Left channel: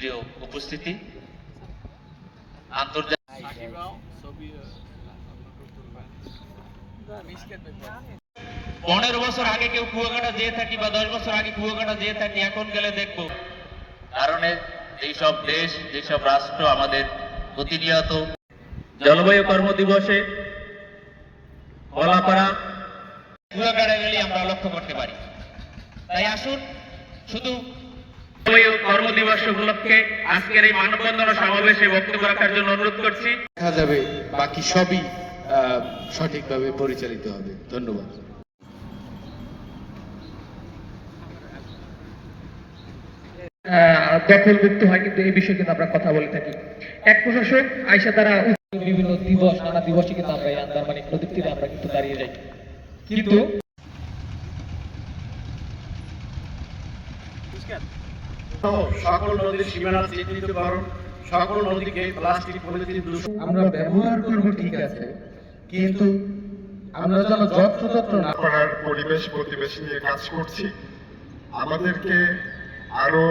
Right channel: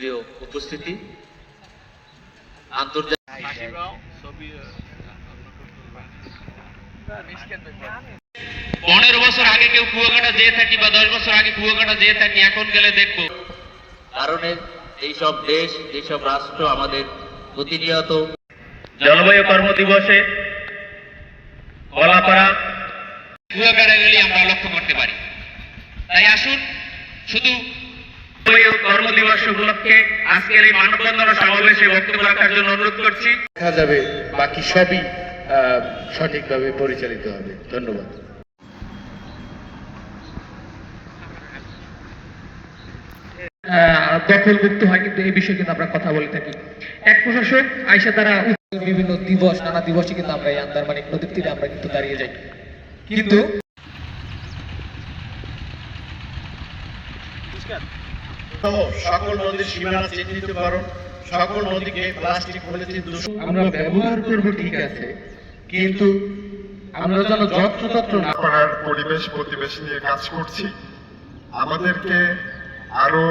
প্রিয় উপস্থিতি, আন্তর্জাতিক 15 বছর আগে কেউ কুয়াকাটা যেয়ে থাকি বা 10 বছর আগে কুয়াকাটা যেয়ে থাকি, এখন গেলে দেখবো কারণ এইসব দেশ, যেসব রাষ্ট্র আমাদের প্রতিনিয়ত জলবায়ু কর্মদিবসে কলাপাড়া কুয়াকাটা গেলে আমরা লক্ষ্য করতে পারি। তাই আসুন শুধু কর্মদিবস উপলক্ষে আজকের এই মানববন্ধন সমাবেশে বক্তব্য রাখার জন্য অনুরোধ করছি। দেখা যাবে বাকি সবই সঠিকভাবে পরিচালিত হবে। ধন্যবাদ। দখলমুক্ত হয়, কিন্তু এই বিষয়ে কিন্তু আমরা কথা বলে থাকি। এক প্রশাসক আইসা দ্বারা বিভিন্ন দিবস, নানা দিবসে কিন্তু আমরা এই আন্দারমানিক নদীর তীরে আমরা কিন্তু দাঁড়িয়ে যাই, কিন্তু সকল নদীর সীমানা চিহ্নিতকরণ, সকল নদীকে প্লাস্টিক পলিথিন দূষণ আমরা ব্যবহার করব ঠিক আছে, কিন্তু আমরা যেন যত্রতত্র না করার পরিবেশ প্রতিবেশ নিয়ে কাজ করছি। আমাদেরকে আরো